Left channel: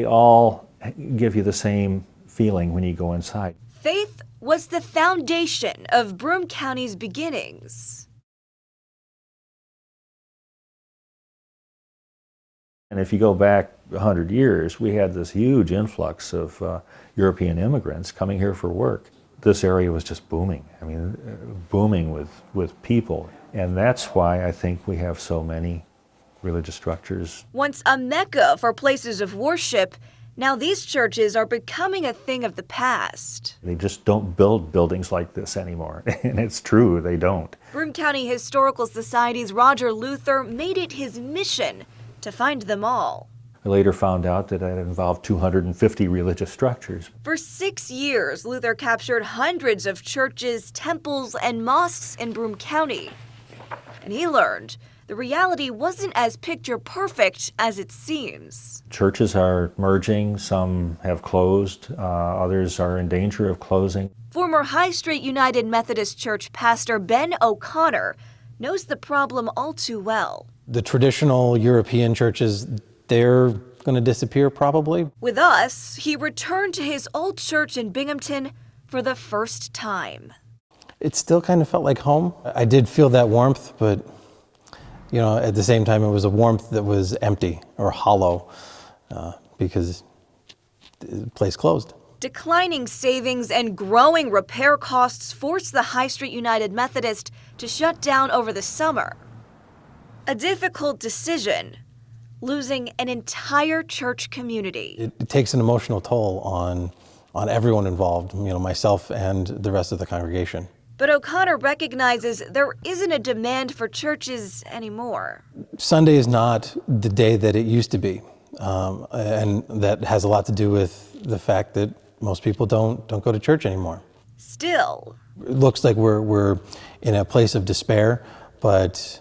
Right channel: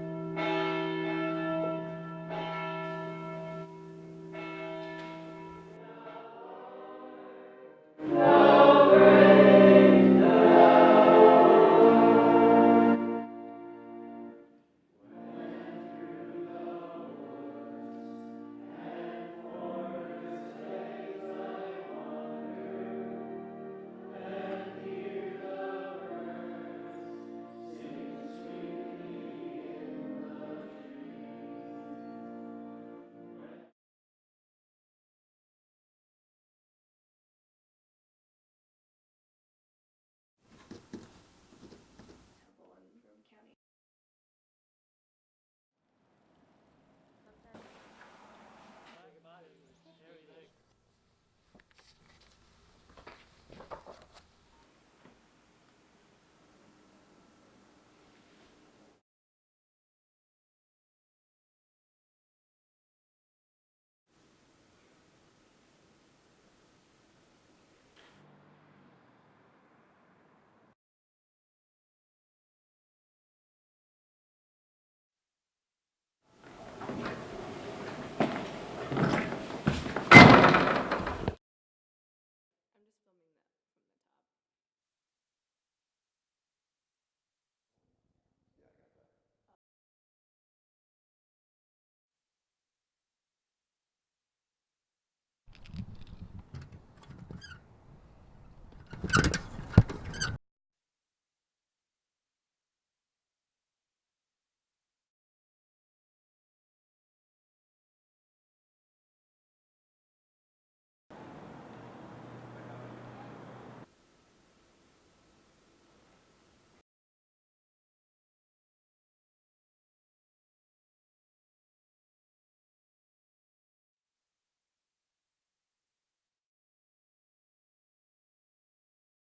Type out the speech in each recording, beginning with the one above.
They all give you the same feeling when you go inside. Faith was the foundation of Broome County's beginnings. And if you go back 100 years, we had this huge influx of European immigrants coming here for work. This area was just booming. I mean, booming with people. And that's why I think we have so many religious structures. Once a mecca for places of worship, now these churches are becoming a thing of the past. They just don't build buildings like this anymore. And it's true, they don't. Broome County Historical Society's Roger Luther made it his mission to find them all. I later found out that it involved 250 religious structures. For 6 years, Luther captured hundreds of churches, temples, and mosques in Broome County. And he learned the reality wasn't as picture perfect as it seems. Churches are merging, some have closed, others are in danger of closing. Former High Street United Methodist Church pastor Ben O'Connor knows the problem all too well. The traditional European churches, they're going to disappear probably. With us, he returned to his old church in Binghamton for the first time. It still kind of felt like home. I did feel that warmth, but you know, at the same time, it was a warmth that was empty or hollow because the place closed. Declining savings and growing repair costs forced the High Street United Methodist to shut down over the summer. A difficult decision, losing an entire church community. It takes an emotional toll on everyone involved, you know, myself and the rest of the congregation. But O'Connor recognizes there isn't a demand for churches anymore. Sunday is not the day that it used to be, and that has a lot to do with the fact that most people don't go to church anymore. Still, it looks like we're in a place of despair, but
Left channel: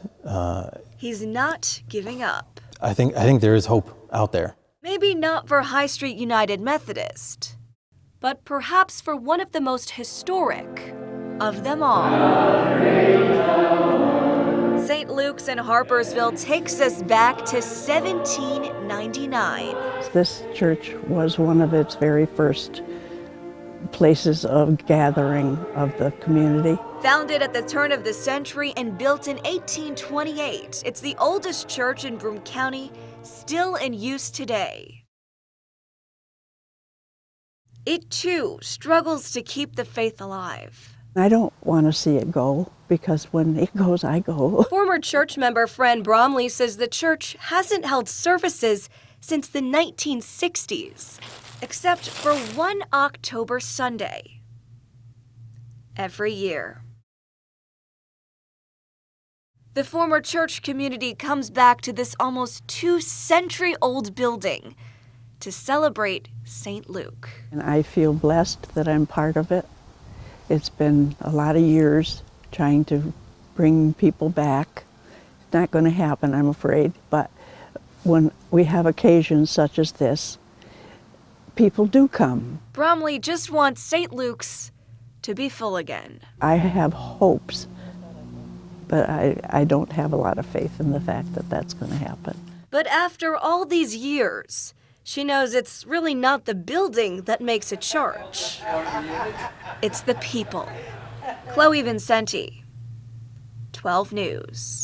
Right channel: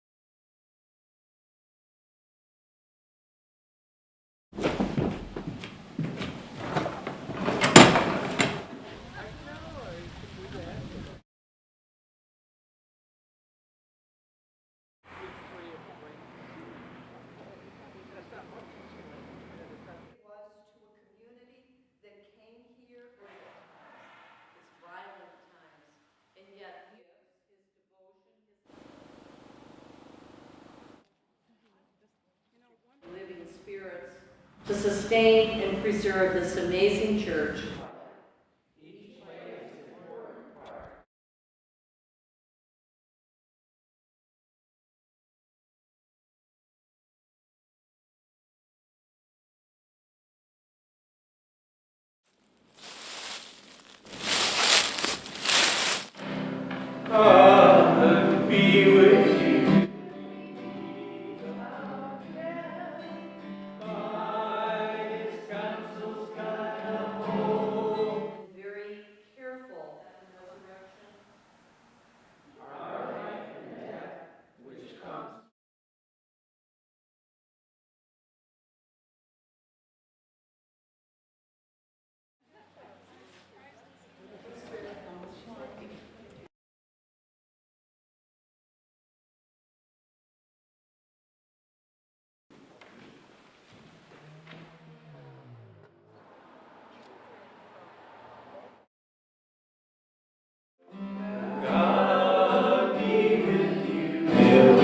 he's not giving up. I think there is hope out there. Maybe not for High Street United Methodist, but perhaps for one of the most historic of them all. St. Luke's in Harpersville takes us back to 1799. This church was one of its very first places of gathering of the community. Founded at the turn of the century and built in 1828, it's the oldest church in Broome County, still in use today. To sustain and preserve this amazing church. It too struggles to keep the faith alive. I don't want to see it go, because when it goes, I go. Former church member Fran Bromley says the church hasn't held services since the 1960s, except for one October Sunday every year. The former church community comes back to this almost 2-century-old building to celebrate St. Luke. I feel blessed that I'm part of it. It's been a lot of years trying to bring people back. It's not going to happen, I'm afraid, but when we have occasions such as this, people do come. Bromley just wants St. Luke's to be full again. I have hopes, but I don't have a lot of faith in the fact that that's going to happen. But after all these years, she knows it's really not the building that makes a church. It's the people. Chloe Vincenti, 12 News.